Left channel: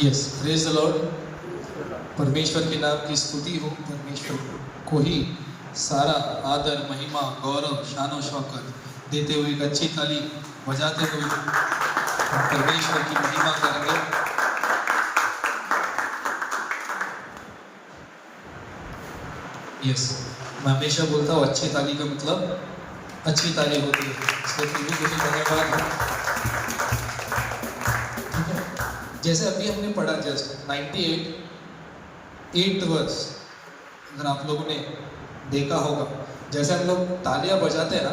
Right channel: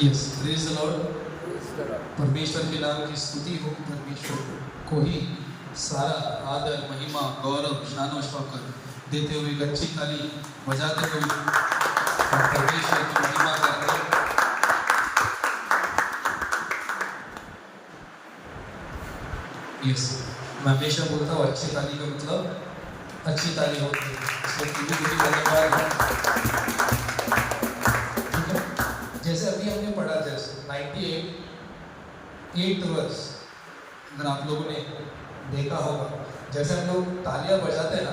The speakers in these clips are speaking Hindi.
Yes, praise the Lord. परमेश्वर के नाम की स्तुति हो। परमेश्वर को ही सारा आदर, महिमा, गौरव, शान और शौकत देते हुए एक अच्छी ताली बजाते हुए हम परमेश्वर की महिमा करेंगे। यस, मैं हमेशा बोलता हूँ अच्छी ताली का मतलब अच्छी ताली होती है। जैसे अभी हमने पढ़ा, जैसे 98 वर्ष, अगर आप लोगों ने देखा होगा, जैसे हम लोग तालियां बजाते हैं ना,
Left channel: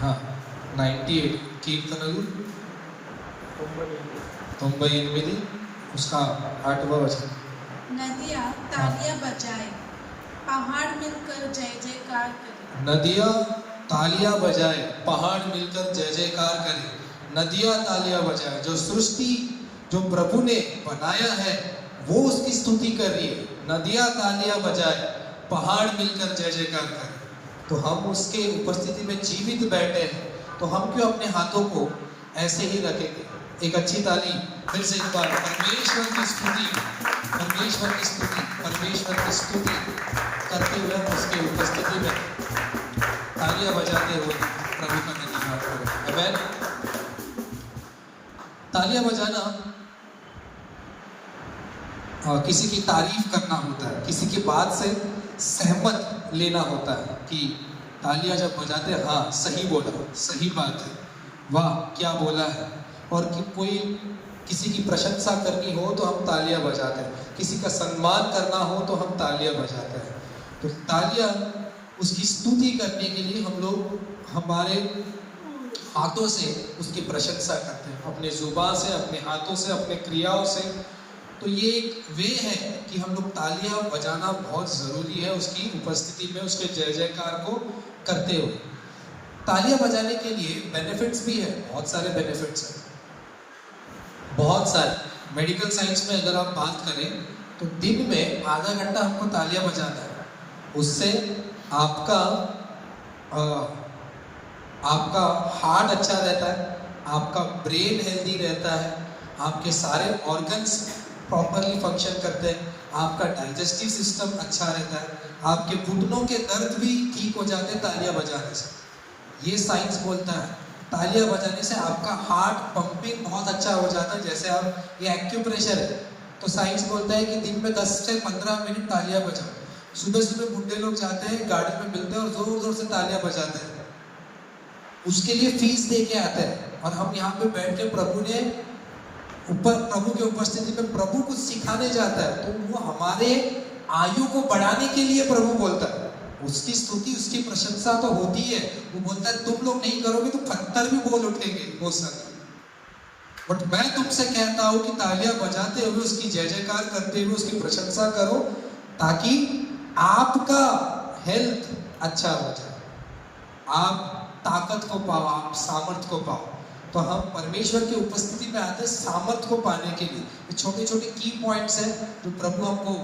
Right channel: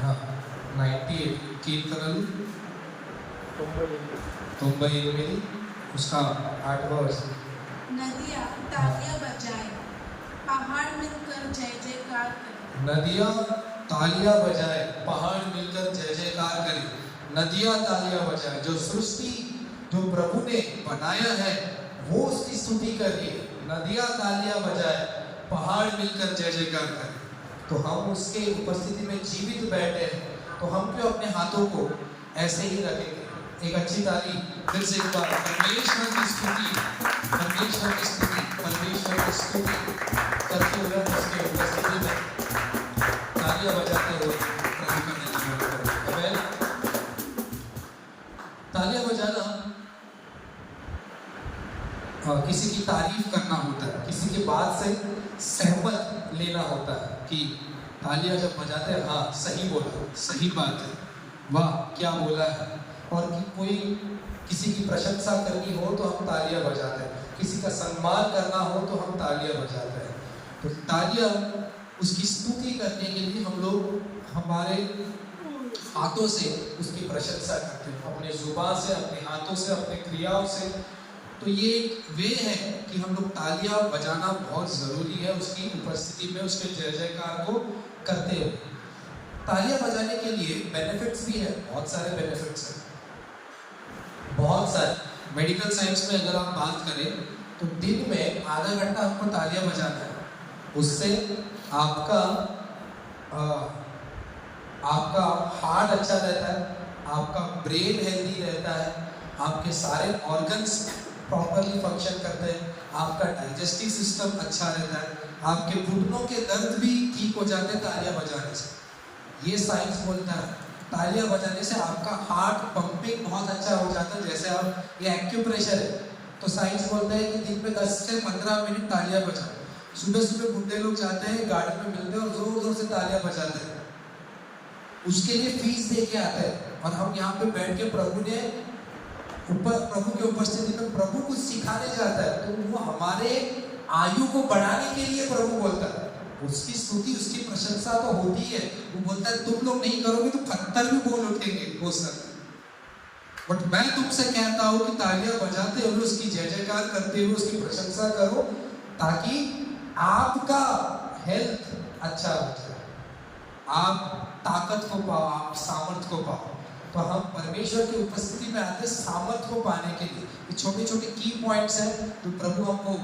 हाँ 98 उसका 8वां वचन, नदियाँ तालियां बजाए, पहाड़ मिलकर जय जयकार करे। नदियाँ तालियां बजाए, पहाड़ मिलकर जय जयकार करे। नदियाँ तालियां बजाए, जो सृष्टि जो प्रभु ने बनाया है वो उसकी स्तुति कर रही है। नदियाँ तालियां बजाए, पहाड़ मिलकर जय जयकार करे। तो हम उसके उपस्थिति में जीवित बैठे हैं, तो हम क्यों अपने हाथों को ऐसे ही रखेंगे? एक अच्छी ताली फिर से एक बार परमेश्वर की स्तुति, परमेश्वर की स्तुति, परमेश्वर की स्तुति करते हुए हम उसके उपस्थिति में तालियां बजाते हुए प्रभु का धन्यवाद करें। आमीन। तालियां बजाना किसी की तारीफ करना होता है, किसी की बात से सहमत लेना होता है कि तालियां जब बजाते हैं, हाँ सही बोला, सही बात है, वाह क्या बोला है। और कि कोई किसी की प्रशंसा करनी हो तो हम तालियां बजाते हैं, किसी का सम्मान करना हो तो हम तालियां बजाते हैं। तो तालियां उसकी स्तुति करने के लिए हम लोग हमारे हाथों से उसकी प्रशंसा करते हैं, अपने जुबान से, अपने हाथों से, अपने क्रियाओं से। तो ये एक वे है कि हम लोग तालियां बजाना बहुत ज़रूरी है उसकी उपस्थिति में, उसके जय जयकार को करते हुए। तालियां बजाने के लिए बेनिफिट्स भी है, बहुत सारे बेनिफिट्स हैं, बहुत सारे। मेडिकल साइंस में अगर आप बात करें तो दिन में आधा घंटा हमको तालियां बजाना है। उससे आपका हार्ट अच्छा रहता है, आपका ब्रेन हेल्दी रहता है, आपके सारे ऑर्गन्स प्रॉपरली फंक्शन करते हैं, आपका डाइजेस्टिव सिस्टम अच्छा रहता है, आपके घुटनों के दर्द भी ठीक हो जाते हैं तालियां बजाने से। ये साइंस बोलता है तालियां बजाने से आपका हार्ट पंपिंग बहुत अच्छा हो जाता है। जैसे आप ये एक्यूप्रेशर है, तो साइंस बोलता है कि दिन में 10 से 15 मिनट तालियां बजाओ। सुबह सुबह बुढ़े लोग जाते हैं, गार्डन में मिलते हैं और जोर जोर से तालियां बजाते हैं, उसके लिए फीस दे के आते हैं। और हम यहाँ पे बैठ के प्रभु के उपस्थिति में प्रभु कुछ सिखाने जाता है, तो वो हमारे आयु को बढ़ाने के लिए प्रभु बोलता है। उसकी स्तुति, उसकी प्रशंसा तो होती है। वो बोलता है तुम लोग नहीं करोगे तो पत्थर भी बोल उठेंगे वो सब। बट मैं तुमसे कहता हूँ कि तालियां बजाते हुए, उसकी जय जयकार करते हुए उसकी प्रशंसा करो, ताकि आपका हेल्थ अच्छा हो जाए, आप ताकत को पाओ, आप सामर्थ्य को पाओ। तो हम परमेश्वर की उपस्थिति में आते हैं सामर्थ्य को पाने के लिए। ये छोटे छोटे की पॉइंट्स हैं जो प्रभु हमको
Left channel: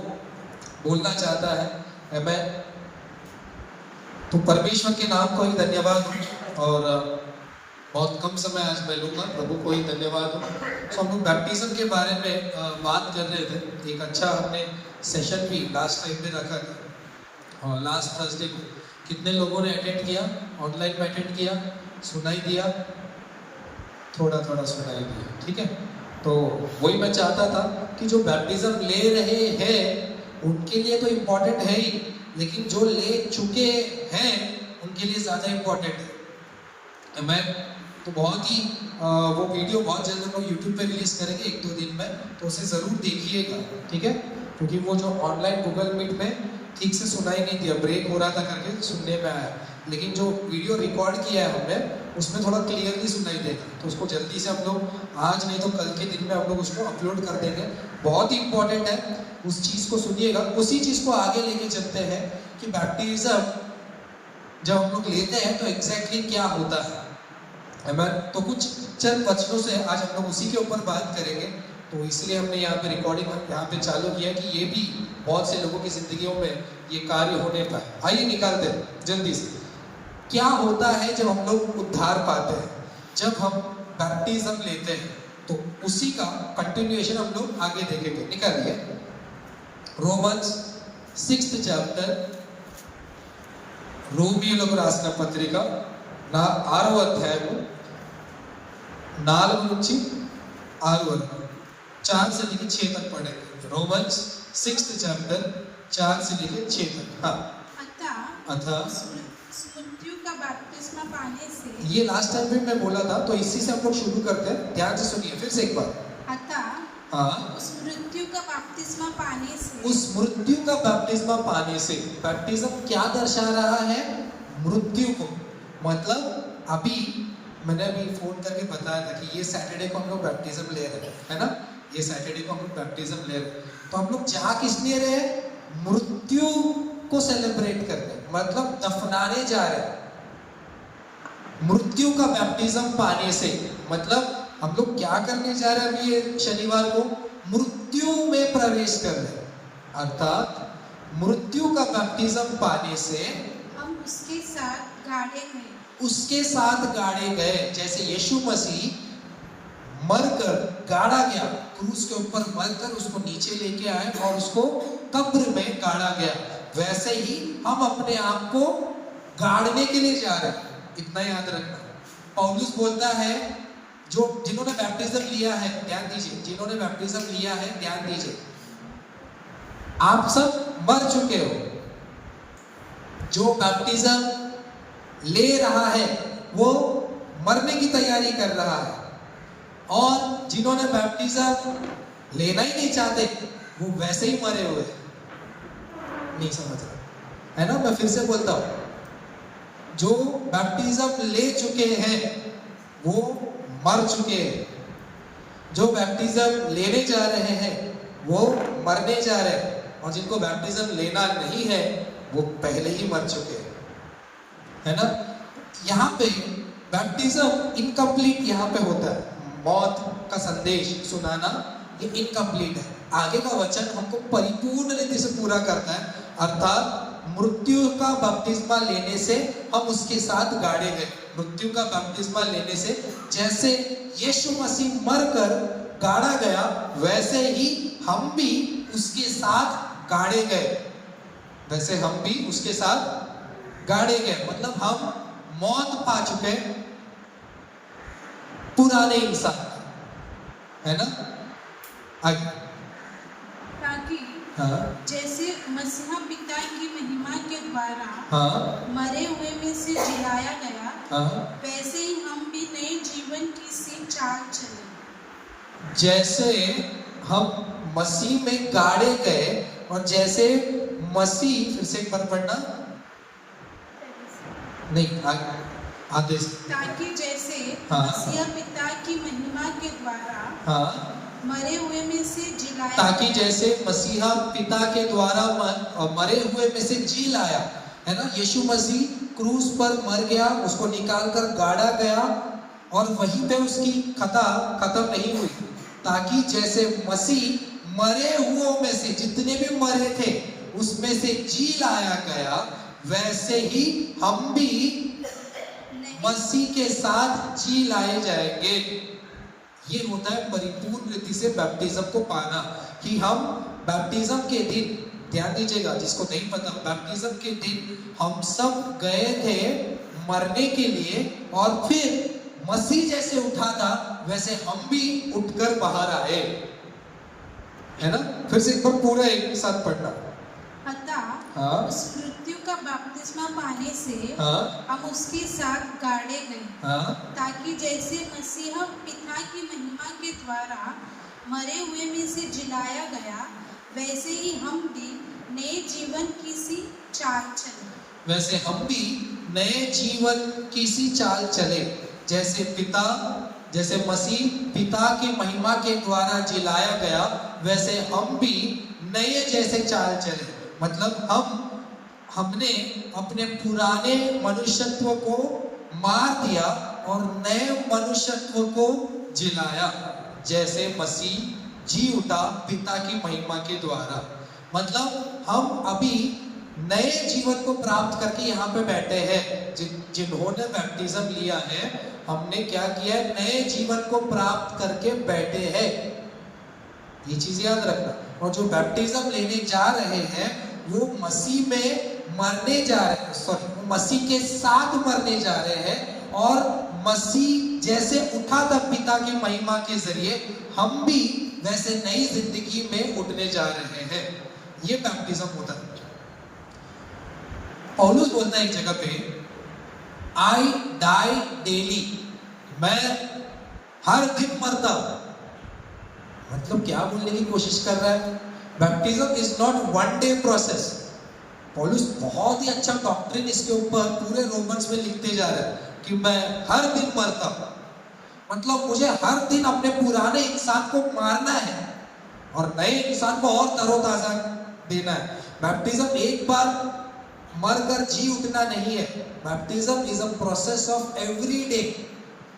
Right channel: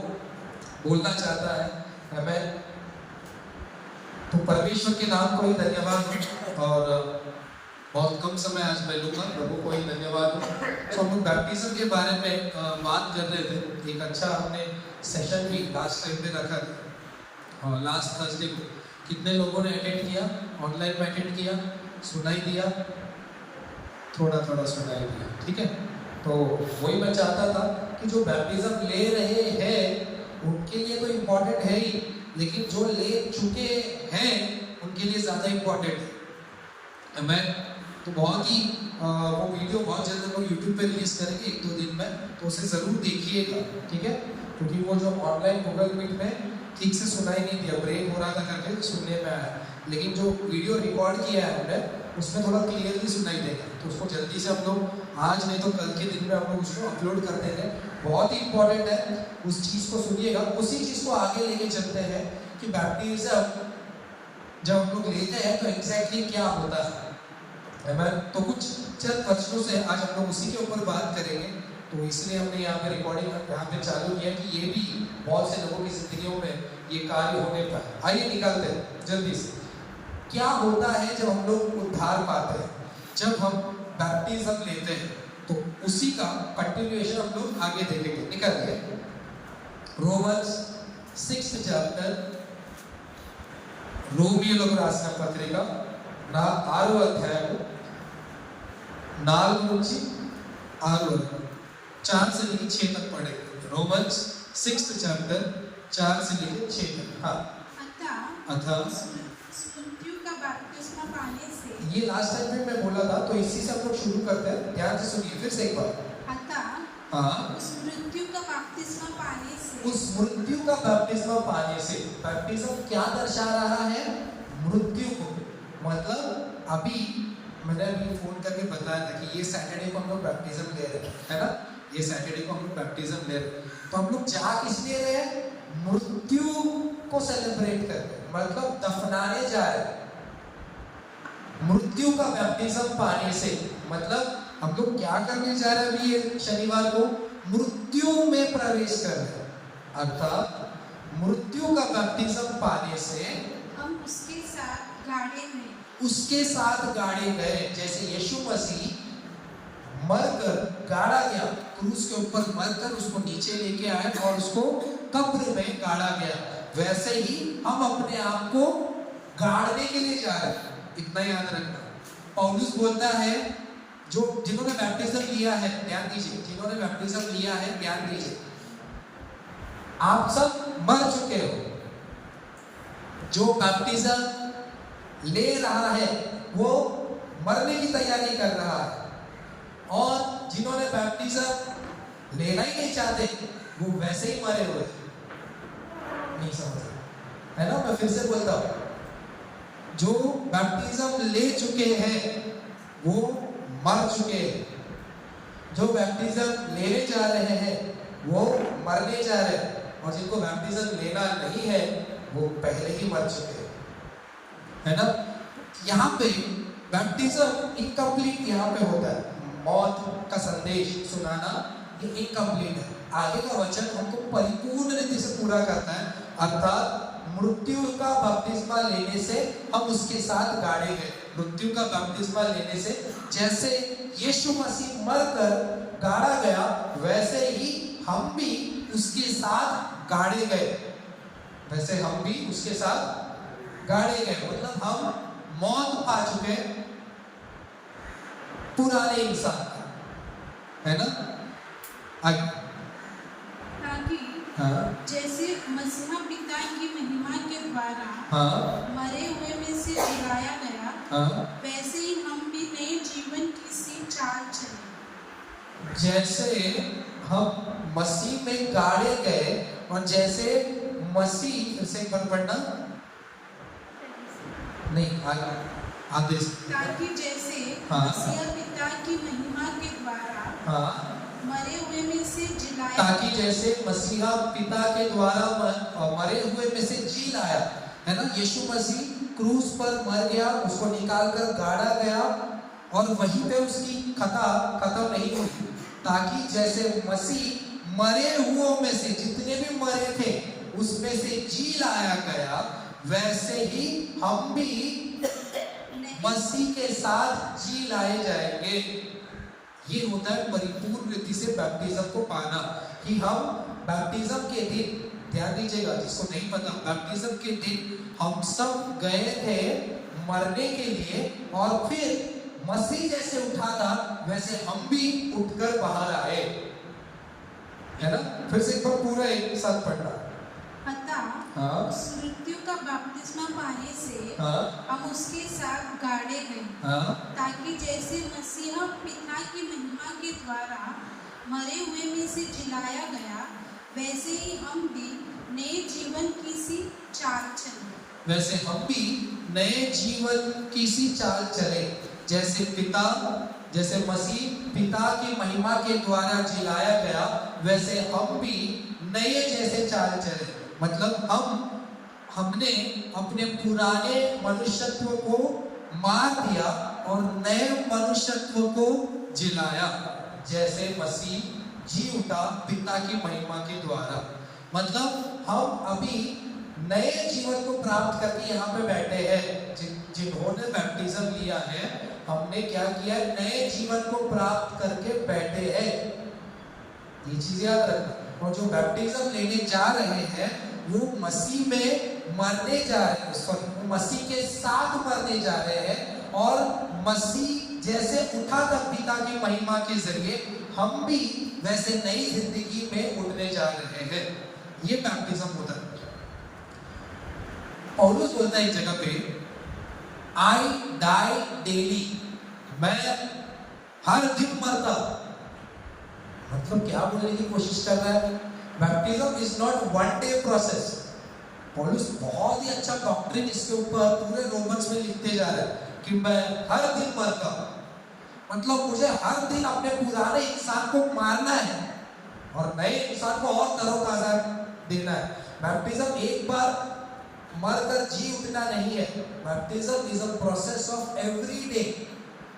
बोलना चाहता है। आमीन। तो परमेश्वर के नाम को ही धन्यवाद। और बहुत कम समय आज मैं लूँगा, प्रभु को ही धन्यवाद। तो हम लोग बैप्टिज्म के बारे में बात कर रहे थे। एक अच्छा हमने सेशन भी लास्ट टाइम पे रखा, लास्ट थर्सडे को। कितने लोगों ने अटेंड किया? ऑनलाइन में अटेंड किया? सुनाई दिया? थोड़ा थोड़ा सुनाई दिया, ठीक है। तो वही मैं चाहता था कि जो बैप्टिज्म ले रहे हैं उनके लिए तो इम्पोर्टेंट है ही, लेकिन जो ले चुके हैं उनके लिए ज़्यादा इम्पोर्टेंट है। मैं तो बहुत ही वो वीडियो बहुत जल्द हम यूट्यूब पे रिलीज करेंगे 1-2 दिन में, तो उसे ज़रूर देखिएगा, ठीक है। क्योंकि वो जो ऑनलाइन गूगल मीट में ठीक से सुनाई नहीं दिया, ब्रेक हो रहा था करके सुनने में आया, लेकिन जो वीडियो रिकॉर्ड किया है हमने उसमें थोड़ा क्लियरली सुनाई देगा। तो उसको जल्दी से हम लोग आज नहीं तो कल के दिन में हम लोग उसको अपलोड कर देंगे। बहुत ही इंपॉर्टेंट है, उस चीज़ को सुनिएगा। उसी चीज़ को आगे लेके चलते हैं कि बैप्टिज्म जब हम लोग लेते हैं तो एग्जैक्टली क्या होता है। तो कुछ चंद वचनों से आज हम लोग उसी के ऊपर बात करेंगे। तो इसलिए हमने यहाँ पे रिकॉर्डिंग यहाँ पे चालू किया कि ये भी बहुत से लोगों की जिंदगियों में ये कार्य होने पाए। आइए निकालते हैं जल्दी से। क्या होता है जब हम लोग उद्धार पाते हैं, जब हम बैप्टिज्म लेते हैं, तो उस उसी का कंटिन्यूएशन हम लोग आगे देखेंगे। निकालिए रोमन्स 6th chapter, రోమియోలకు రాసిన పత్రిక 6వ అధ్యాయము 4 నుంచి 6 వరకు 4 से लेकर 6 तक पढ़ेंगे। रोमन्स 6th chapter 4 से लेकर 6 तक। हाँ, अतः मृत्यु का बपतिस्मा पाने से, ये लास्ट टाइम भी मैं बोला था, तो इसी से हम लोग शुरू करते हैं। ध्यान से सुनिए फिर से एक बार। अतः हाँ, उस मृत्यु का बपतिस्मा पाने से, उस मृत्यु का बैप्टिज्मा पाने से, बैप्टिज्म क्या दर्शा रहा है? मृत्यु को। मतलब अभी मैंने अभी फोन करके बताया था कि ये सैटरडे को हम लोग बैप्टिज्म ले रहे हैं, है ना? ये सैटरडे को हम लोग बैप्टिज्म ले रहे हैं, तो हम लोग जा किस लिए रहे हैं? मृत्यु को सेलिब्रेट करते, मतलब दफनाने जा रहे हैं। मृत्यु का बैप्टिज्म पाने से मतलब हम लोग क्या करने जा रहे हैं? अभी ये शनिवार को मृत्यु में प्रवेश कर रहे हैं, अर्थात मृत्यु का बैप्टिज्म पाने से हम उसके साथ गाड़े गए। उसके साथ गाड़े गए। जैसे यीशु मसीह मरकर गाड़ा गया, क्रूस के ऊपर मरकर उसको नीचे लेके आए और उसको कब्र में गाड़ा गया, वैसे ही हम अपने आप को गाड़ने के लिए जा रहे हैं। इतना याद रखना। पौलुस बोलता है, जो जिन्होंने बैप्टिज्म लिया है, ध्यान दीजिए, जिन्होंने बैप्टिज्म लिया है ध्यान दीजिए, आप सब मर चुके हो। जो बैप्टिज्म ले रहा है वो मरने की तैयारी कर रहा है, और जिन्होंने बैप्टिज्म लेना ही नहीं चाहते वो वैसे ही मरे हुए। नहीं समझ रहे, है ना? मैं फिर से बोलता हूं, जो बैप्टिज्म ले चुके हैं वो मर चुके हैं, जो बैप्टिज्म लेने जा रहे हैं वो मरने जा रहे हैं, और जिनको बैप्टिज्म लेना नहीं है वो पहले ही मर चुके हैं, है ना? यहाँ पे बैप्टिज्म इनकम्प्लीट यहाँ पे होता है। मौत का संदेश सुनाना ये इनकम्प्लीट है। आगे का वचन हमको परिपूर्ण रीति से पूरा करता है, अर्थात मृत्यु का बपतिस्मा लेने से हम उसके साथ गाड़े गए। मृत्यु का बपतिस्मा लेने से जैसे यीशु मसीह मरकर गाड़ा गया, वैसे ही हम भी उसके साथ गाड़े गए, वैसे हम भी उसके साथ गाड़े गए। मतलब हम मौत पा चुके पुराने इंसान का, है ना? आगे। ताकि हाँ, जैसे मसीह पिता की महिमा के द्वारा हाँ, मरे हुए में से जिलाया गया, हाँ। वैसे ही हम भी नए जीवन की सी चाल चले। जैसे हम मसीह में गाड़े गए, और जैसे मसीह, फिर से एक बार पढ़ना, नहीं आदेश, ताकि जैसे हाँ। मसीह पिता की महिमा के द्वारा हाँ, मरे हुए में से जिलाया, ताकि जैसे मसीहा पिता के द्वारा मरे हुए में से जी लाया, है ना? यीशु मसीह क्रूस पर मर गया, उसको निकाल कर गाड़ा गया, और वहीं पे उसकी कथा खत्म नहीं हुई, ताकि जैसे मसीह मरे हुओं में से जितने भी मरे थे उसमें से जी लाया गया, वैसे ही हम भी मसीह के साथ जी लाए जाएंगे। ये होता है परिपूर्ण रीति से बैप्टिज्म को पाना, कि हम बैप्टिज्म के दिन, ध्यान दीजिएगा जिसको नहीं पता, बैप्टिज्म के दिन हम सब गए थे मरने के लिए, और फिर मसीह जैसे उठा था वैसे हम भी उठकर बाहर आए, है ना? फिर से एक बार पूरा एक साथ पढ़ना। अतः हाँ, उस मृत्यु का बपतिस्मा पाने से हाँ, हम उसके साथ गाड़े गए, हाँ, ताकि जैसे मसीह पिता की महिमा के द्वारा मरे हुए में से जिलाया गया, वैसे ही हम भी नए जीवन की सी चाल चले। वैसे हम भी नए जीवन की सी चाल चले। जैसे मसीह पिता की महिमा के द्वारा जिलाया गया, वैसे हम भी नए जैसे चाल चले। मतलब हमने अपने पुराने मनुष्यत्व को मार दिया और नए मनुष्यत्व को जिलाया, जैसे मसीह जी उठा पिता की महिमा के द्वारा। मतलब हम अभी नए जीवन को प्राप्त करके यहाँ पे बैठे हैं। जिन्होंने बैप्टिज्म लिया है हमने क्या किया है, नए जीवन को प्राप्त करके बैठे हैं। ये चीज याद रखना। और जो बैप्टिज्म लेने जा रहे हैं वो मसीह में मरने जा रहे हैं, सॉरी मसीह के साथ मरने जा रहे हैं, और मसीह जैसे उठा था पिता की महिमा के जरिए, हम भी वैसे नई जिंदगी में उठने जा रहे हैं। ये बैप्टिज्म होता है। पौलुस बोलता है एक जगह पे, आई डाई डेली, मैं हर दिन मरता हूं। मतलब क्या बोलने की कोशिश कर रहा है? Baptism is not one day process. पौलुस बहुत ही अच्छा डॉक्ट्रिन इसके ऊपर पूरे रोमन्स में लिखते जा रहा है कि मैं हर दिन मरता हूं, मतलब मुझे हर दिन अपने पुराने इंसान को मारना है और नए इंसान को और तरोताजा देना है। बैप्टिज्म एक बार मरकर जी उठना नहीं है। Baptism is a process of every day.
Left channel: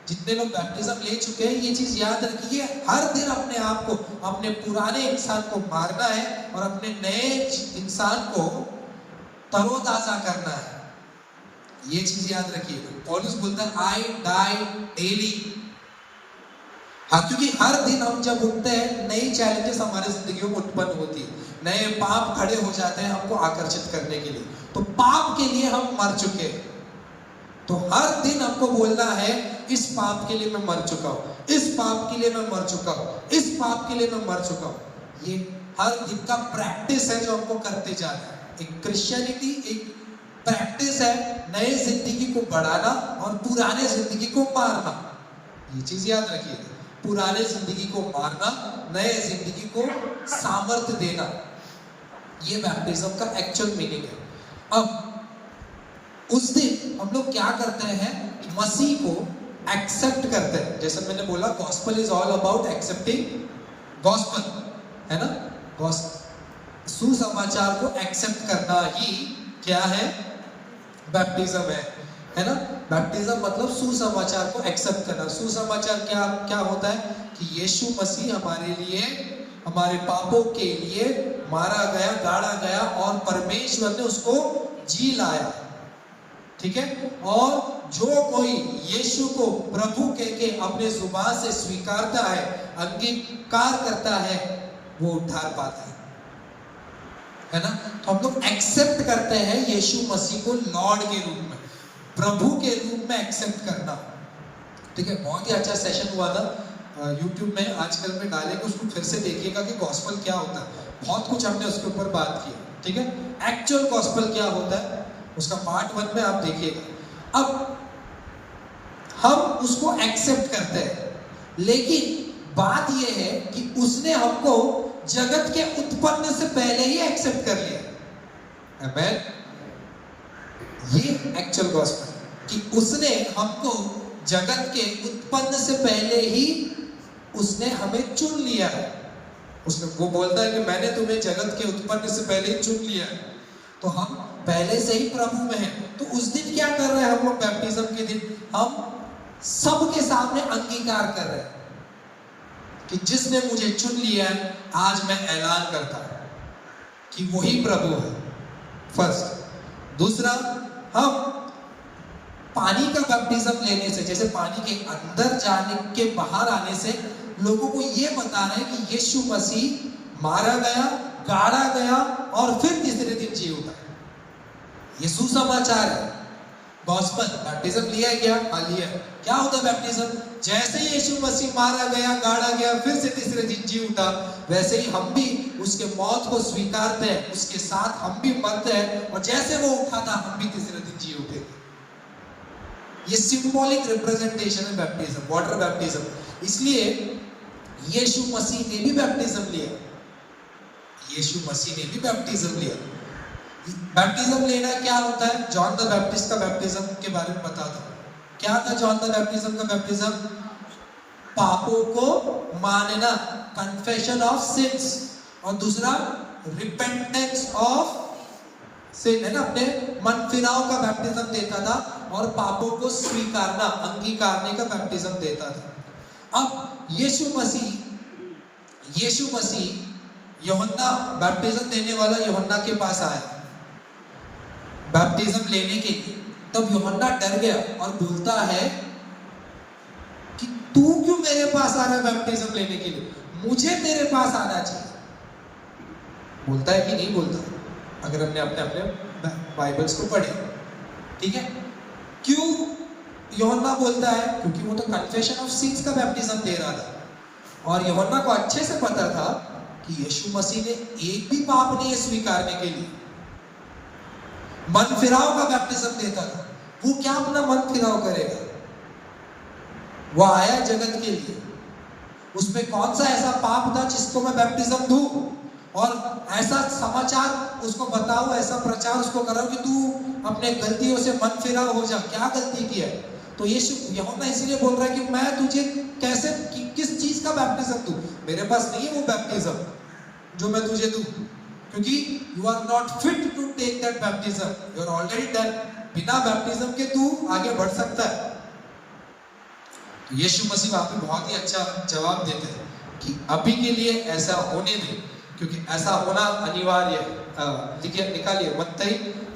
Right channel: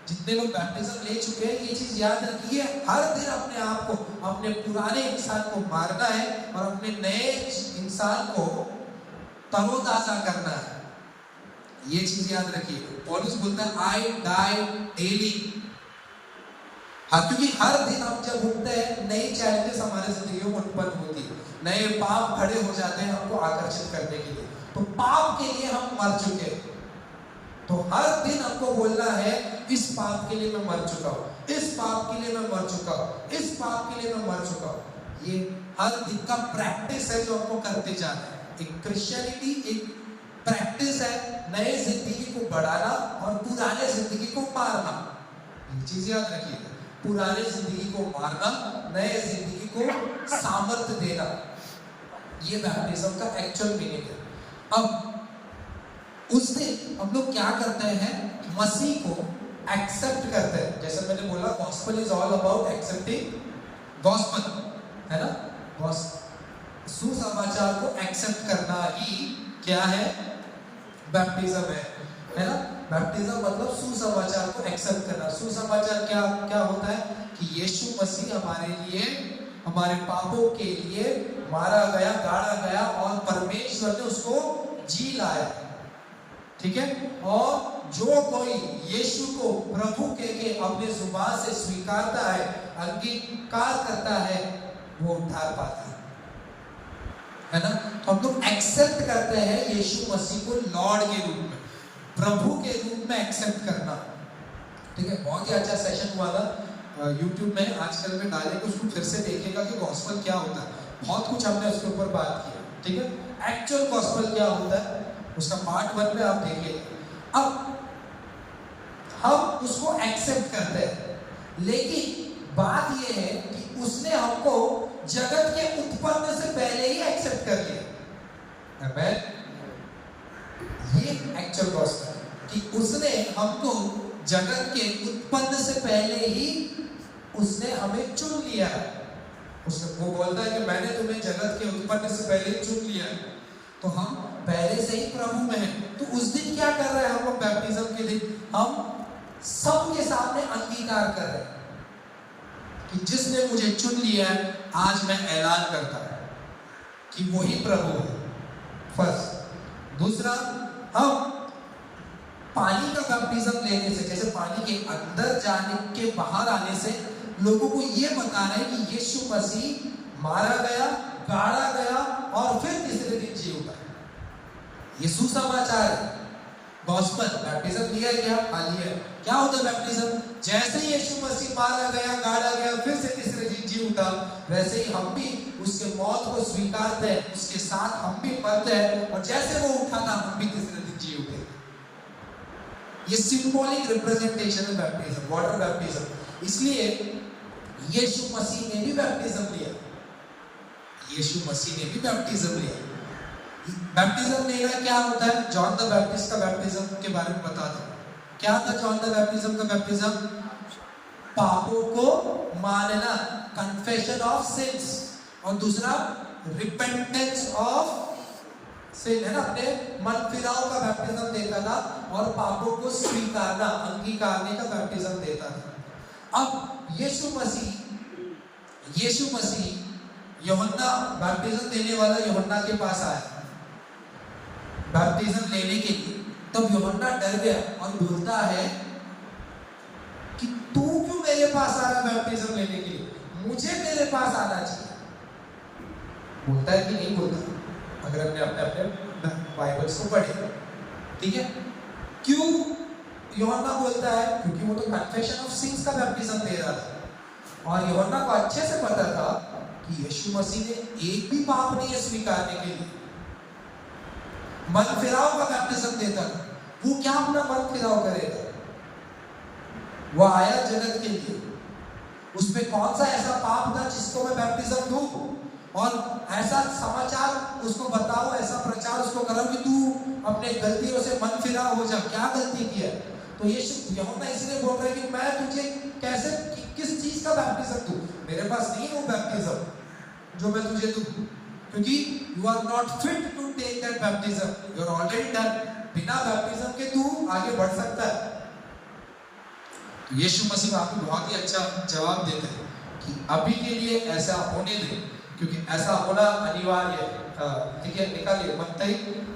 जितने लोग बैप्टिज्म ले चुके हैं ये चीज याद रखिए, हर दिन अपने आप को, अपने पुराने इंसान को मारना है और अपने नए इंसान को तरोताजा करना है। ये चीज याद रखिए। पौलुस बोलता है आई डाई डेली। हाँ, क्योंकि हर दिन हम जब उठते हैं नई चैलेंजेस हमारे जिंदगी में उत्पन्न होती है, नए पाप खड़े हो जाते हैं हमको आकर्षित करने के लिए। तो पाप के लिए हम मर चुके हैं, तो हर दिन हमको बोलना है इस पाप के लिए मैं मर चुका हूं, इस पाप के लिए मैं मर चुका हूं, इस पाप के लिए मैं मर चुका हूं। ये हर दिन का प्रैक्टिस है जो हमको करते जा रहे हैं। एक क्रिश्चियनिटी एक प्रैक्टिस है, नए जिंदगी को बढ़ाना और पुराने जिंदगी को मारना। ये चीज याद रखिए, पुराने जिंदगी को मारना, नए जिंदगी को सामर्थ्य देना, ये बैप्टिज्म का एक्चुअल मीनिंग है। अब उस दिन हम लोग क्या करते हैं, मसीह को एक्सेप्ट करते हैं। जैसे मैंने बोला, gospel is all about accepting gospel, है ना। सुसमाचार को एक्सेप्ट करना ही क्या है, बैप्टिज्म है ना। बैप्टिज्म मतलब सुसमाचार को एक्सेप्ट करना। सुसमाचार क्या क्या होता है कि यीशु मसीह हमारे लिए, हमारे पापों के लिए मारा गया, गाड़ा गया और परमेश्वर ने उसको जी लाया, ठीक है। और जो कोई यीशु को प्रभु कह के अपने जुबान से स्वीकारता है, अंगीकार करता है, वो उद्धार पाता है ना। तो हम लोग एक्सेप्ट करते हैं यीशु मसीह को लॉर्ड के रूप में, प्रभु के रूप में एक्सेप्ट करना, ठीक है। बहुत ही अच्छा सेशन हुआ था यूट्यूब में, आजकल में डालेंगे, उसको फिर से देखिएगा कि गॉस्पेल क्या होता है। बहुत कुछ हमने उसके ऊपर बात की, ठीक है। एक्चुअल गॉस्पेल क्या होता है उसका पार्ट 1 में आप देखिएगा। अब हम उसको एक्सेप्ट करते हैं, लेकिन बात यह है कि उसने हमको जगत के उत्पन्न से पहले ही एक्सेप्ट कर लिया। आमेन। ये एक्चुअल गॉस्पेल कि उसने हमको जगत के उत्पन्न से पहले ही उसने हमें चुन लिया। उसने वो बोलता है कि मैंने तुम्हें जगत के उत्पन्न से पहले ही चुन लिया, तो हम पहले से ही प्रभु में हैं। तो उस दिन क्या कर रहे हैं हम लोग, बैप्टिज्म के दिन हम सबके सामने अंगीकार कर रहे हैं कि जिसने मुझे चुन लिया है, आज मैं ऐलान करता हूं कि वही प्रभु है। फर्स्ट। दूसरा, हम पानी का बैप्टिज्म लेने से, जैसे पानी के अंदर जाने के बाहर आने से लोगों को ये बता रहे हैं कि यीशु मसीह मारा गया, गाड़ा गया और फिर तीसरे दिन जी उठा। ये सुसमाचार है, गॉस्पेल। बैप्टिज्म लिया है क्या? हाँ लिया है। क्या होता है बैप्टिज्म? जैसे यीशु मसीह मारा गया, गाड़ा गया, फिर से तीसरे दिन जी उठा, वैसे ही हम भी उसके मौत को स्वीकारते हैं, उसके साथ हम भी मरते हैं, और जैसे वो उठा था हम भी तीसरे दिन जी उठे। ये सिंबॉलिक रिप्रेजेंटेशन है बैप्टिज्म, वाटर बैप्टिज्म। इसलिए यीशु मसीह ने भी बैप्टिज्म लिया, यीशु मसीह ने भी बैप्टिज्म लिया। बैप्टिज्म लेना क्या होता है? जॉन द बैप्टिस्ट का बैप्टिज्म के बारे में बता दो। क्या था जॉन द बैप्टिज्म का बैप्टिज्म? पापों को मानना, कन्फेशन ऑफ सिंस, और दूसरा रिपेंटेंस ऑफ सिन, है ना। अपने मन फिराव का बैप्टिज्म देता था, और पापों को स्वीकारना, अंगीकारने का बैप्टिज्म देता था। अब यीशु मसीह यूहन्ना, बैप्टिज्म देने वाला यूहन्ना के पास आया बैप्टिज्म लेने के लिए। तब यूहन्ना डर गया और बोलता है कि तू क्यों मेरे पास आ रहा है बैप्टिज्म लेने के लिए, मुझे तेरे पास आना चाहिए। बोलता है कि नहीं बोलता? अगर हमने अपने अपने बाइबल्स को पढ़े, ठीक है। क्यों यूहन्ना बोलता है? क्योंकि वो तो कन्फेशन ऑफ सिंस का बैप्टिज्म दे रहा था और यूहन्ना को अच्छे से पता था कि यीशु मसीह ने एक भी पाप नहीं है स्वीकारने के लिए, मन फिराव का बैप्टिज्म देता था। वो क्या अपना मन फिराव करेगा? वो आया जगत के लिए, उसमें कौन सा ऐसा पाप था जिसको मैं बैप्टिज्म दूं और ऐसा समाचार उसको बताओ, ऐसा प्रचार उसको कराओ कि तू अपने गलतियों से मन फिराव हो जा। क्या गलती किया? तो यीशु यूहन्ना इसीलिए बोल रहा है कि मैं तुझे कैसे किस चीज का बैप्टिज्म दूं? मेरे पास नहीं है वो बैप्टिज्म जो मैं तुझे दूं, क्योंकि you are not fit to take that baptism, you are already done. बिना बैप्टिज्म के तू आगे बढ़ सकता है। तो यीशु मसीह वहां पे बहुत ही अच्छा जवाब देते हैं कि अभी के लिए ऐसा होने दे, क्योंकि ऐसा होना अनिवार्य है। लिखिए, निकालिए मत्ती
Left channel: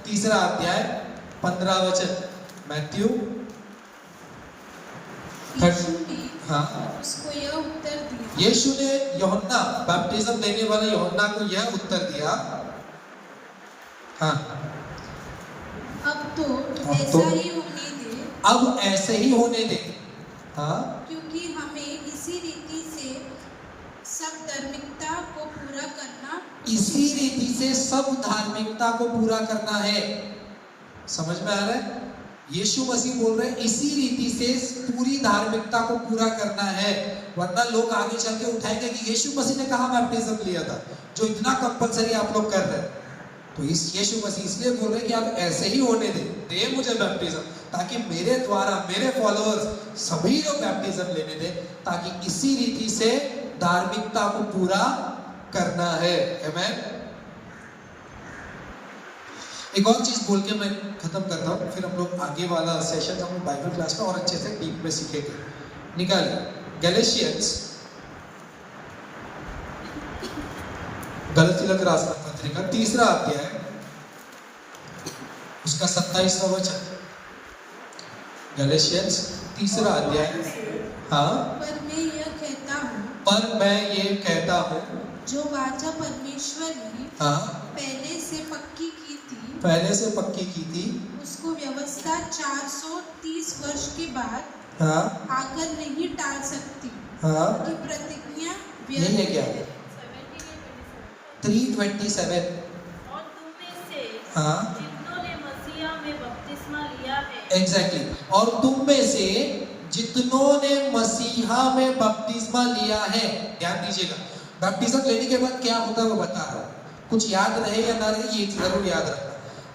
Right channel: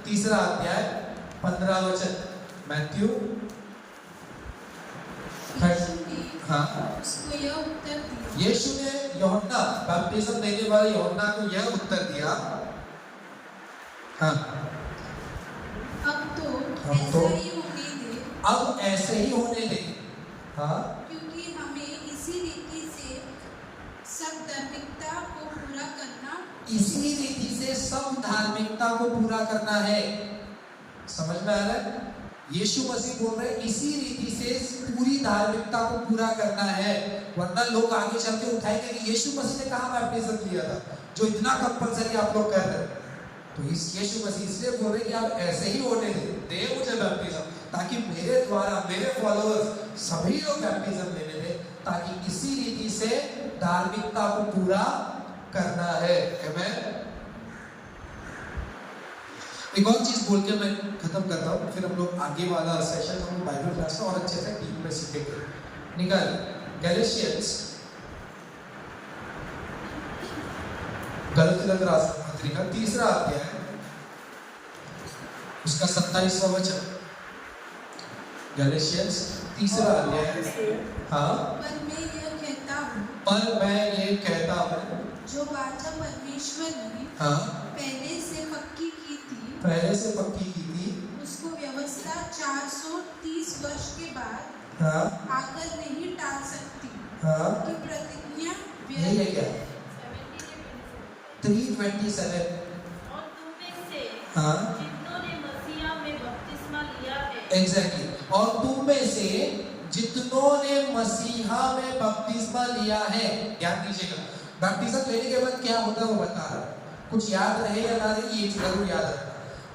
3 अध्याय 15 वचन। मैथ्यू उसको यह उत्तर दिया। यीशु ने यूहन्ना, बैप्टिज्म देने वाले यूहन्ना को यह उत्तर दिया, हाँ, अब ऐसा ही होने दे। अब ऐसे ही होने दे, हाँ, क्योंकि हमें इसी रीति से सब धार्मिकता को पूरा करना, इसी रीति से सब धार्मिकता को पूरा करना है। समझ में आ रहा है? यीशु मसीह बोल रहे हैं इसी रीति से पूरी धार्मिकता को पूरा करना है, वरना लोग आगे चल के उठाएंगे कि यीशु मसीह ने कहा बैप्टिज्म लिया था जो इतना कंपलसरी आप लोग कर रहे हैं। तो इस यीशु मसीह इसलिए बोल रहे हैं कि आप ऐसे ही होने दे मुझे बैप्टिज्म, ताकि मेरे द्वारा मेरे फॉलोअर्स सभी लोग बैप्टिज्म लेने दे, ताकि इसी रीति से धार्मिकता को पूरा करना है। आमेन। एक और चीज बोल के मैं खत्म करता हूँ, फिर हम लोग आगे वाला सेशन हम बाइबल क्लास में और अच्छे से डीप में सीखेंगे। निकालिए गैलेशियंस, गलती लग रहा पत्रिका 3 अध्याय उसका 27वां वचन। गैलेशियंस 3 अध्याय, हाँ। पर मैं ये कहता हूँ जो वाचा परमेश्वर ने पहले से पक्की की थी उसको व्यवस्था 430 वर्ष के बाद आकर नहीं टाल सकती, कि प्रतिज्ञा यही है क्या? 3:27। और तुम में से जितनों ने मसीहा में बपतिस्मा लिया है, एग्जैक्टली, और तुम में से जितनों ने मसीहा में बपतिस्मा लिया है। ध्यान दीजिएगा, बैप्टिज्म लेने के बाद क्या होता है वो बता रहा है। कुछ याद रहे या ना रहे, ये जरूर याद रखना।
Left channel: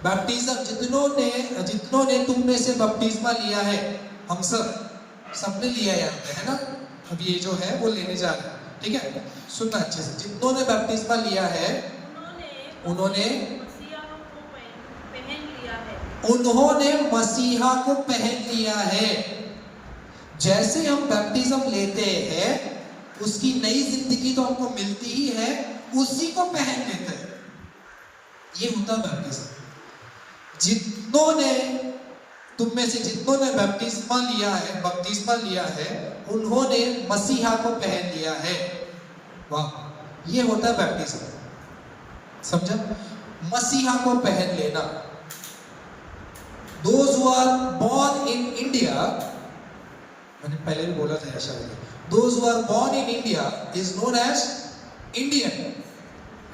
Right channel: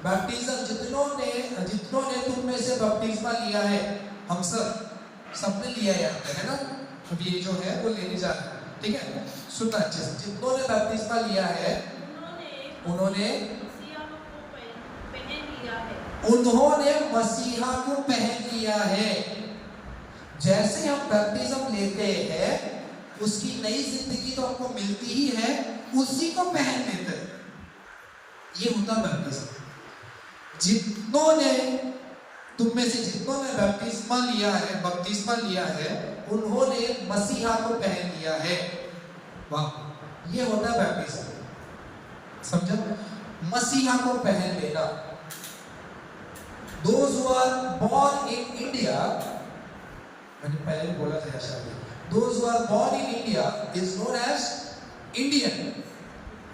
बैप्टिज्म जितनों ने तुम में से बपतिस्मा लिया है, हम सबने लिया है ना। अब ये जो है वो लेने जा रहे हैं, ठीक है, सुनना अच्छे से। जितनों ने बपतिस्मा लिया है उन्होंने मसीहा को पहन लिया है। जैसे हम बैप्टिज्म लेते हैं उसकी नई जिंदगी तो हमको मिलती ही है, उसी को पहन लेते हैं। ये होता बैप्टिज्म। तुम में से जितनों ने बपतिस्मा लिया है उन्होंने मसीहा को पहन लिया है। वाह, ये होता है बैप्टिज्म। समझा? मसीहा को पहन लेना। Those who are born in India, मैंने पहले भी बोला था शायद, those who are born in India is known as Indian,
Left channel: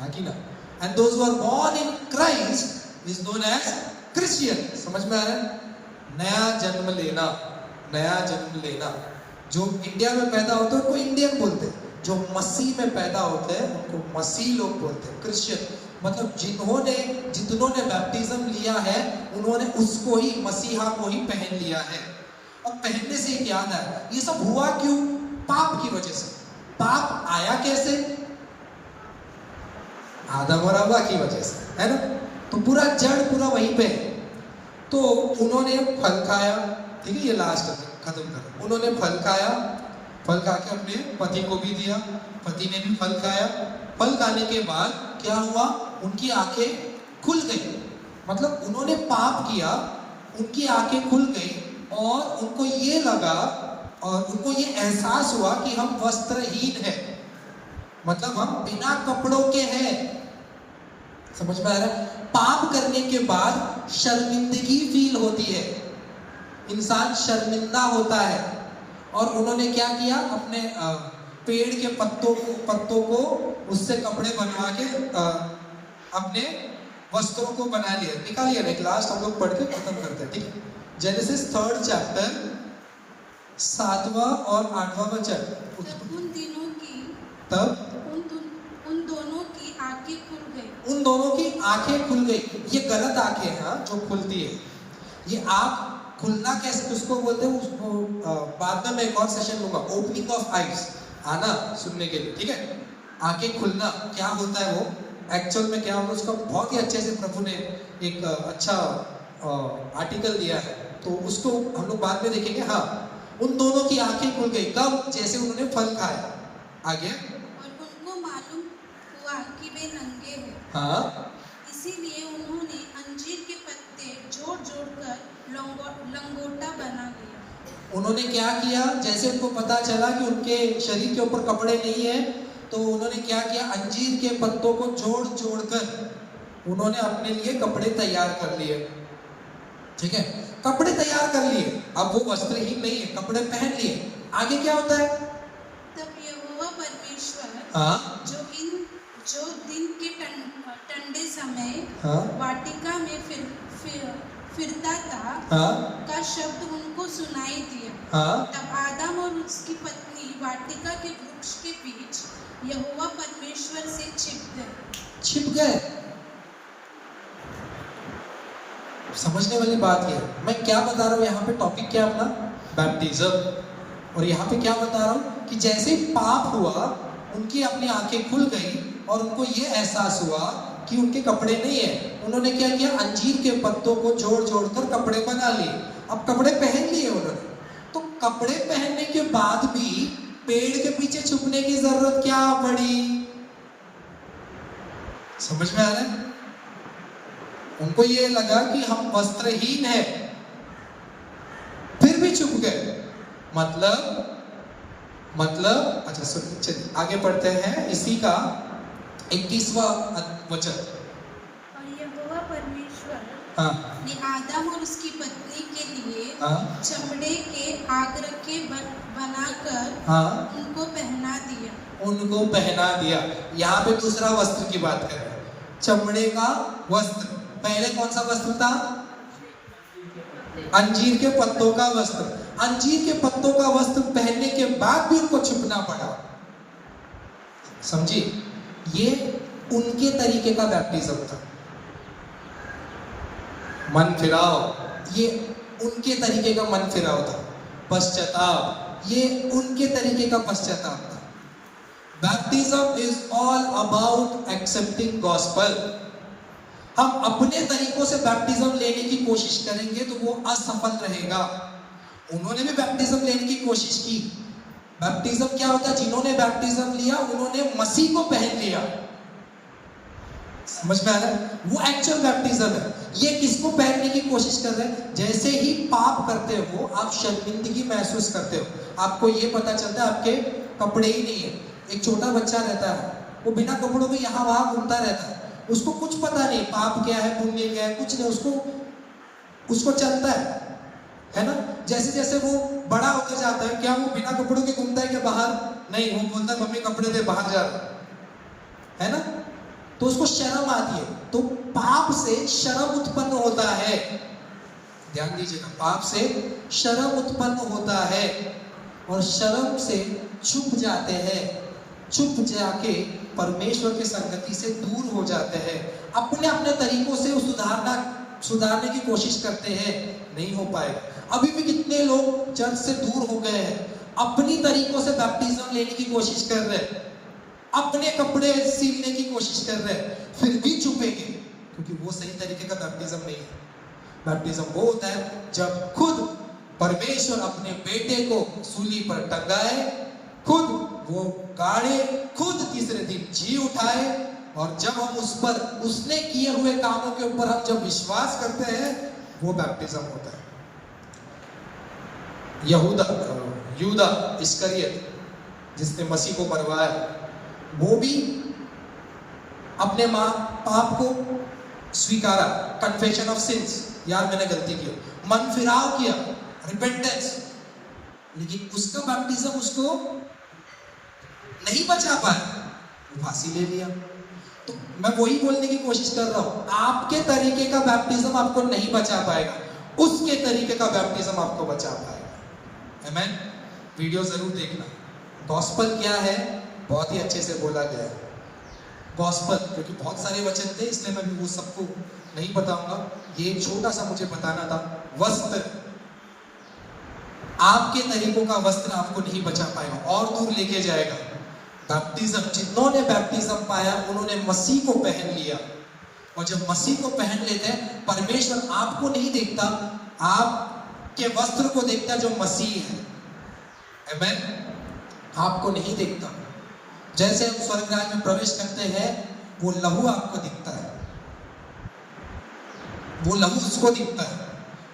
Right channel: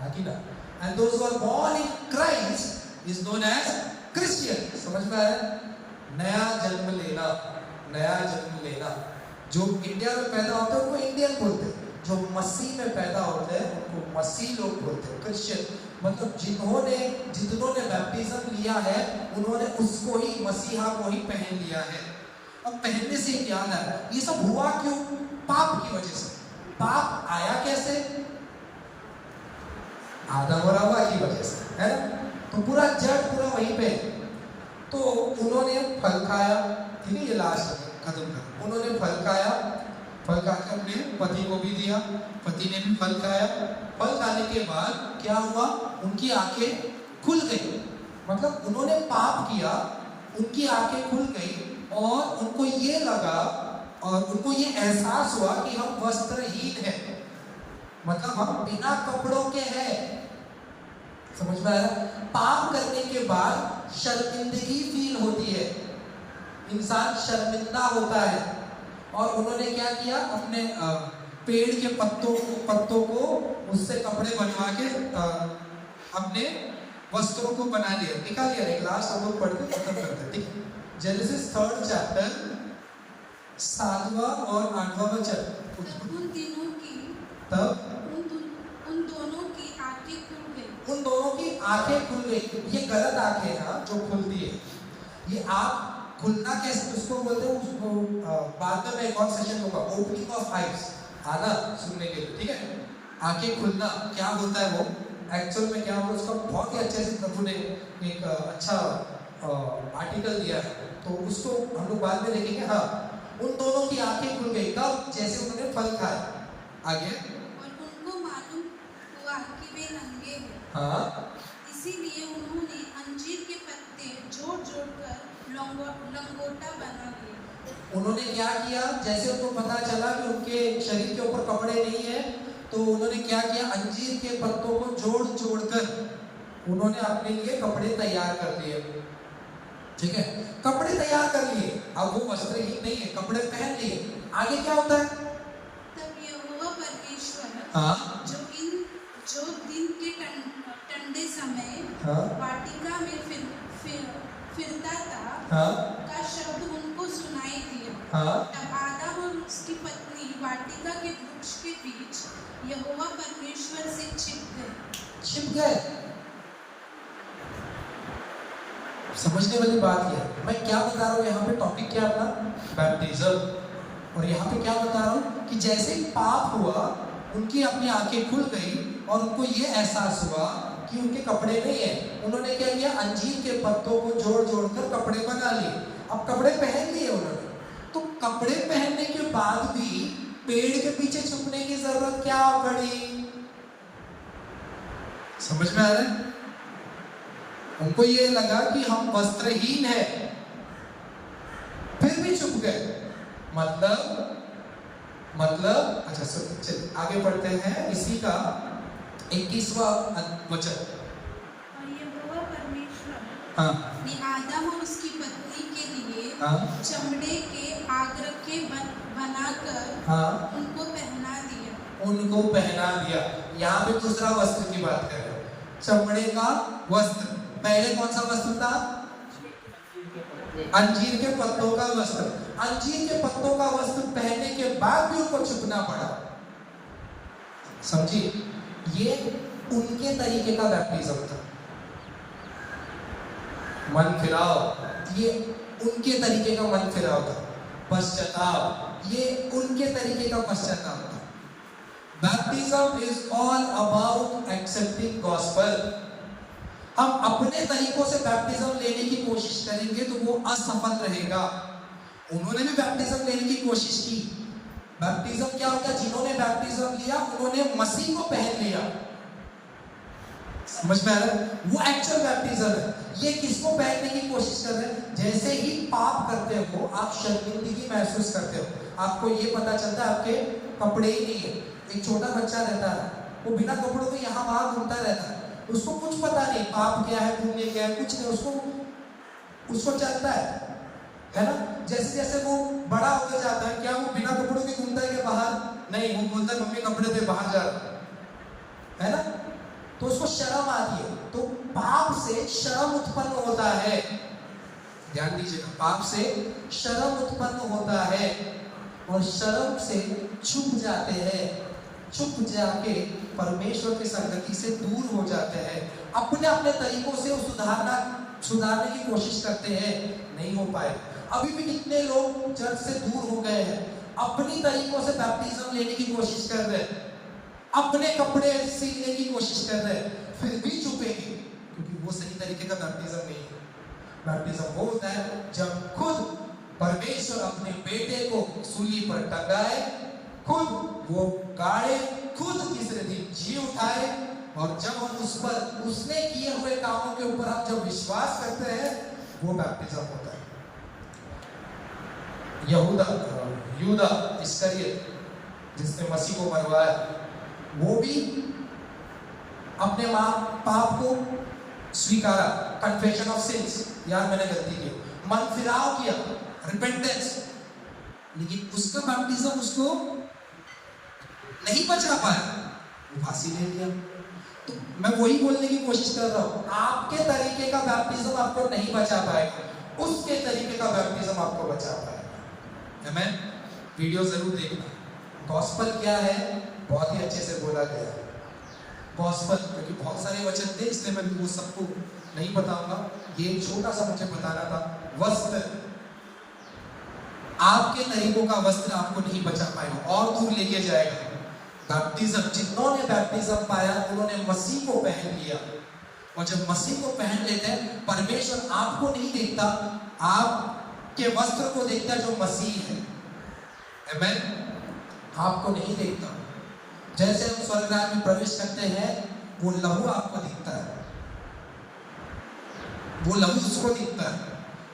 हाँ कि ना? And those who are born in Christ is known as Christian। समझ में आ रहा है? नया जन्म लेना। जो इंडिया में पैदा होते हैं उनको इंडियन बोलते हैं, जो मसीह में पैदा होते हैं उनको मसीह लोग बोलते हैं, क्रिश्चियन। मतलब जितनों ने बैप्टिज्म लिया है उन्होंने उसको ही, मसीहा को ही पहन लिया है। अब पहनने से ही याद है, ये सब हुआ क्यों? पाप की वजह से। पाप आया कैसे? आदम और हव्वा की वजह से, है ना। तो पूरा जड़ पूरा वहीं पे। तो उन्होंने फल खाया, ठीक है, ये लास्ट खत्म कर। उन्होंने फल खाया, फल खा के अपने पति को भी दिया, पति ने भी फल खाया। फल खाने के बाद क्या हुआ? उनकी आंखें खुल गई। मतलब उन्होंने पाप किया, उनकी आंखें खुल गई और उनको ये लगा और उनको ये एहसास हुआ कि हम वस्त्रहीन हैं, मतलब हम बिना कपड़ों के हैं। समझ में आ रहा है? पाप करने के बाद शर्मिंदगी फील होती है, इंसान शर्मिंदा होता है। और उन्होंने क्या किया, अपने पेड़ के पत्तों को उससे कपड़े बनवा के अपने वस्त्रों को बना लिया, निकाल लिया। क्लास हम लोग पढ़ के खत्म करते हैं, ठीक है? जेनेसिस 3rd चैप्टर 7वां और 8वां वचन। उन दिनों की तब उन दोनों की आंखें खुल गई। उन दोनों की आंखें खुल गई। ये गलत आंखें हैं, हाँ, जो खुलती है। ये आंख खुलना कैसे, उसको बोलते हैं, उसको बाद में मैं एक और सेशन लूंगा, ओपनिंग ऑफ आईज, आना सुनने के लिए, ठीक है? आंखें खुलना क्या होता है, वो एक्चुअल में क्या होगा, उसका बहुत ही अच्छे से प्रभु ने एक अच्छा आर्टिकल दिया है, तो उसको हम लोग बाद में देखेंगे। हाँ, उन दोनों की आंखें खुल गई, कब? जैसे उन्होंने फल खाया। आगे, और उनको मालूम हुआ कि वे नंगे हैं। हाँ, इसीलिए उन्होंने अंजीर के पत्ते जोड़-जोड़कर लंगोटा बना लिया। उन्होंने क्या किया, जैसे उनको पता चला कि उनके शरीर के ऊपर कपड़े नहीं है, तो उन्होंने क्या किया, अंजीर के पत्तों को जोड़ जोड़कर उन्होंने अपने लिए कपड़े तैयार कर लिए। ठीक है, कपड़े तैयार कर लिए, अब वो वस्त्रहीन नहीं है, कपड़े पहन लिए। आगे क्या होता है? तब यहोवा परमेश्वर, हाँ, जो दिन के ठंडे समय हाँ, वाटिका में फिरता था, हाँ, का शब्द उनको सुनाई दिया। हाँ, तब आदम और उसकी पत्नी वाटिका के वृक्ष के बीच यहोवा परमेश्वर से छिप गए। समझने वाली बात ये, मैं क्या बता रहा हूँ यहाँ पे, टॉपिक क्या अपना, बैप्टिज्म। और यहाँ पे क्या बता रहा हूँ कि जैसे पाप हुआ, उनकी अपनी आंखें खुल गई और उनको ये एहसास हुआ कि उनके कपड़े नहीं है। उन्होंने क्या किया, अंजीर के पत्तों को जोड़ जोड़कर कपड़े बना लिए। अब कपड़े पहन लिए उन्होंने, तो कपड़े पहनने के बाद भी पेड़ के पीछे छुपने की जरूरत क्या पड़ी? समझ में आ रहा है? उनको ये लगा कि हम वस्त्रहीन हैं, फिर भी छुप गए। मतलब अच्छा सुन, चलिए आगे बढ़ते हैं। इसी का 21वां वचन। और यहोवा परमेश्वर हाँ, ने आदम और उसकी पत्नी के लिए हाँ, चमड़े के आगरखे बनाकर हाँ, उनको पहना दिया। यहाँ पे दूसरा वस्त्र की बात कर रहे हैं, चमड़े का वस्त्र। पहले कौन सा वस्त्र था? अंजीर के पत्तों का वस्त्र। अंजीर के पत्तों का वस्त्र पहनने के बाद भी उनको छुपना पड़ा। समझिए, ये उनके तरीके का बैप्टिज्म था। मन फिराव, ये उनके तरीके का मन फिराव था। पश्चाताप, ये उनके तरीके का पश्चाताप था। Baptism is all about accepting gospel. हम अपने तरीकों से बैप्टिज्म लेने की कोशिश करेंगे तो वो असफल रहेगा। उन्होंने भी बैप्टिज्म लेने की कोशिश की। बैप्टिज्म क्या होता है? जिन्होंने बैप्टिज्म लिया उन्होंने मसीह को पहन लिया। समझ में आ रहा है? वो एक्चुअल बैप्टिज्म है। ये किसको पहनने की कोशिश कर रहे हैं? जैसे ही पाप करते हो आप शर्मिंदगी महसूस करते हो, आपको ये पता चलता है आपके कपड़े ही नहीं है। एक छोटा बच्चा रहता है, वो बिना कपड़ों के यहाँ वहां घूमता रहता है, उसको कुछ पता नहीं पाप क्या है पुण्य क्या है, कुछ नहीं, उसको चलता है ना? जैसे जैसे वो बड़ा होकर जाता है, क्या वो बिना कपड़ों के घूमता है क्या बाहर? नहीं, वो बोलता है मम्मी कपड़े दे, बाहर जा रहा है ना? तो उसको शर्म आती है। तो पाप से शर्म उत्पन्न होता है। ध्यान दीजिएगा, पाप से शर्म उत्पन्न होता है और शर्म से छुप जाते हैं, छुप जाके परमेश्वर की संगति से दूर हो जाते हैं। अपने अपने तरीकों से सुधारने की कोशिश करते हैं, नहीं हो पाए। अभी भी कितने लोग चर्च से दूर हो गए हैं, अपनी तरीकों से बैप्टिज्म लेने की कोशिश कर रहे हैं, अपने कपड़े सीखने की कोशिश कर रहे हैं, फिर भी छुपेंगे, क्योंकि वो सही तरीके का बैप्टिज्म नहीं है। बैप्टिज्म वो होता है जब खुद परमेश्वर अपने बेटे को सूली पर टंगाए, खुद वो गाड़े, खुद तीसरे दिन जी उठाए, और जब हम उस पर उसने किए हुए कामों के ऊपर हम जब विश्वास करते हैं, वो बैप्टिज्म होता है। यहूदा यूदा इस्करियत जिसने मसीह को मरवाया, वो भी अपने पाप को स्वीकारा, कन्फेशन ऑफ सिंस, यार मैंने गलती की, मन फिराव किया, रिपेंटेंस, लेकिन उसका बैप्टिज्म उसको नहीं बचा पाया, वो फांसी ले लिया। तो मैं वही बोलने की कोशिश कर रहा हूं, आपके तरीके का बैप्टिज्म आपको नहीं बचा पाएगा, उसके तरीके का बैप्टिज्म आपको बचा पाएगा। आमेन। वीडियो जरूर देखना। गॉस्पल क्या है बहुत ही अच्छे से बोला गया है। गॉस्पल, क्योंकि बहुत सारे वचन थे इसलिए मैं वो सबको नहीं बताऊंगा, ये छोटा सा मुझे बताना था। वस्त्र, आपके तरीकों का वस्त्र आपको नहीं बचा पाएगा और दूर लेके जाएगा। बैप्टिज्म, जिन्होंने बैप्टिज्म पाया उन्होंने मसीह को पहन लिया, और जब मसीह को पहन लेते हैं परमेश्वर आपको नहीं देखता, आपके वस्त्र को देखता है जो मसीह है। आमेन। आपको नहीं देखता। जैसे हम स्वर्गराज में प्रवेश करते हैं वो लहू आपको दिखता है, वो लहू उसको दिखता है,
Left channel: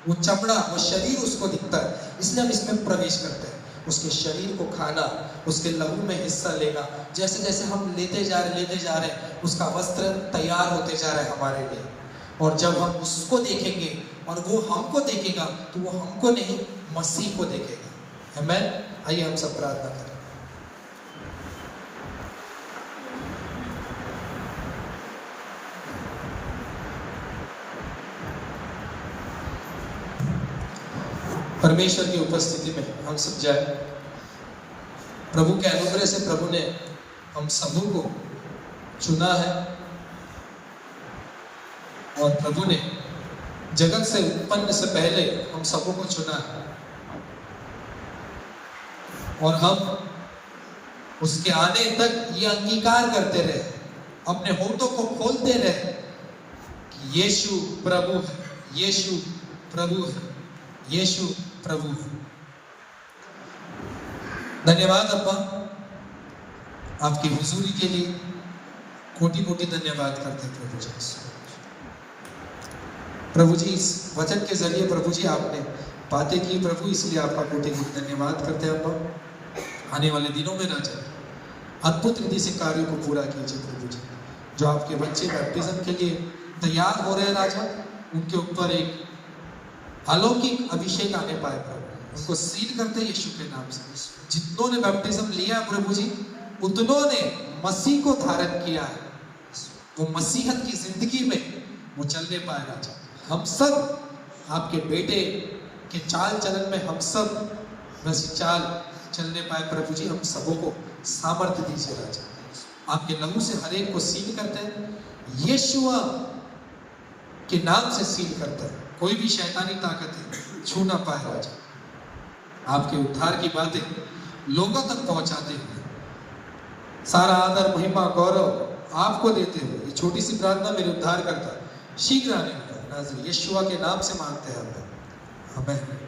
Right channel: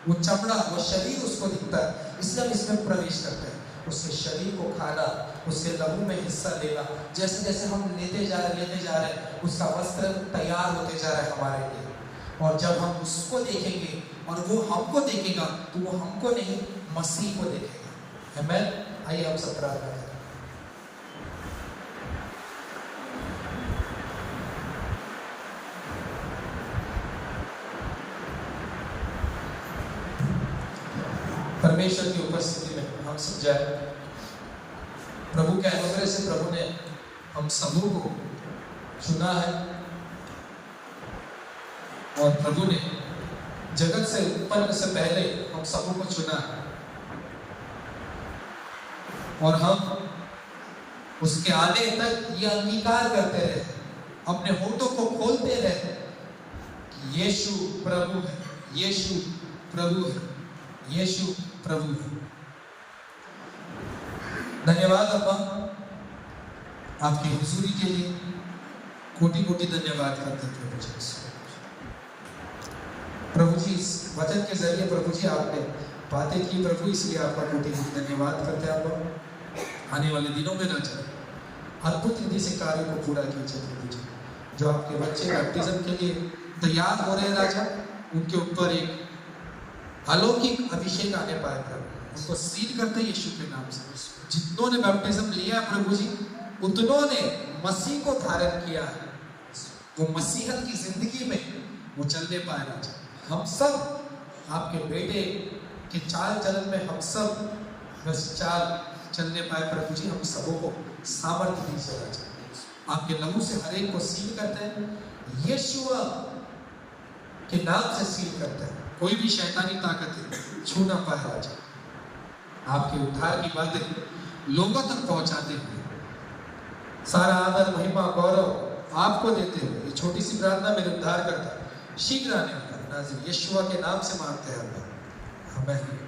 वो चमड़ा, वो शरीर उसको दिखता है, इसलिए हम इसमें प्रवेश करते हैं। उसके शरीर को खाना, उसके लहू में हिस्सा लेगा। जैसे जैसे हम लेते जा रहे हैं उसका वस्त्र तैयार होते जा रहा है हमारे लिए, और जब हम उसको देखेंगे और वो हमको देखेगा तो वो हमको नहीं मसीह को देखेगा। आमेन। आइए हम सब प्रार्थना करें। परमेश्वर की उपस्थिति में हम सब जाए। प्रभु के अनुग्रह से प्रभु ने हम सबों को चुना है, और प्रभु ने जगत से उत्पन्न से पहले हम सबों को चुना है, और हम उसके आने तक ये अंगीकार करते रहे, अपने होठों को खोलते रहे कि यीशु प्रभु है, यीशु प्रभु है, यीशु प्रभु है। धन्यवाद अब्बा, आपकी हुजूरी के लिए कोटि कोटि धन्यवाद करते हैं प्रभु जी। प्रभु जी इस वचन के जरिए प्रभु जी आपने बातें की प्रभु, इसलिए आपका कोटि कोटि धन्यवाद करते हैं अब्बा। आने वाले दिनों में राजा अद्भुत रीति से कार्यों को पूरा कीजिए प्रभु जी। जो आपके बच्चे बैप्टिज्म के लिए तैयार हो रहे हैं राजा, उनके ऊपर एक अलौकिक अभिषेक आने पाए प्रभु, इसको सील करते हैं यीशु के नाम से। जितनों ने बैप्टिज्म लिया प्रभु जी, उतनों ने मसीह को धारण किया, वो मसीहत की जिंदगी में वो चलने पाए राजा। हम सब आपके बेटे के चाल चलन में हम सब बस चाल चलने पाए प्रभु जी। हम सबों को सामर्थ्य दीजिए राजा। आपके लहू से हर एक को सील करते हैं, यीशुआ के नाम से सील करते हैं। कोई भी शैतानी ताकत छू ना पाए राजा। आपके उद्धार की बातें लोगों तक पहुंचाते हुए सारा आदर महिमा गौरव आपको देते हुए ये छोटी सी प्रार्थना मेरे उद्धार करता शीघ्र आने वाला यीशुआ के नाम से मांगते हैं। आमीन।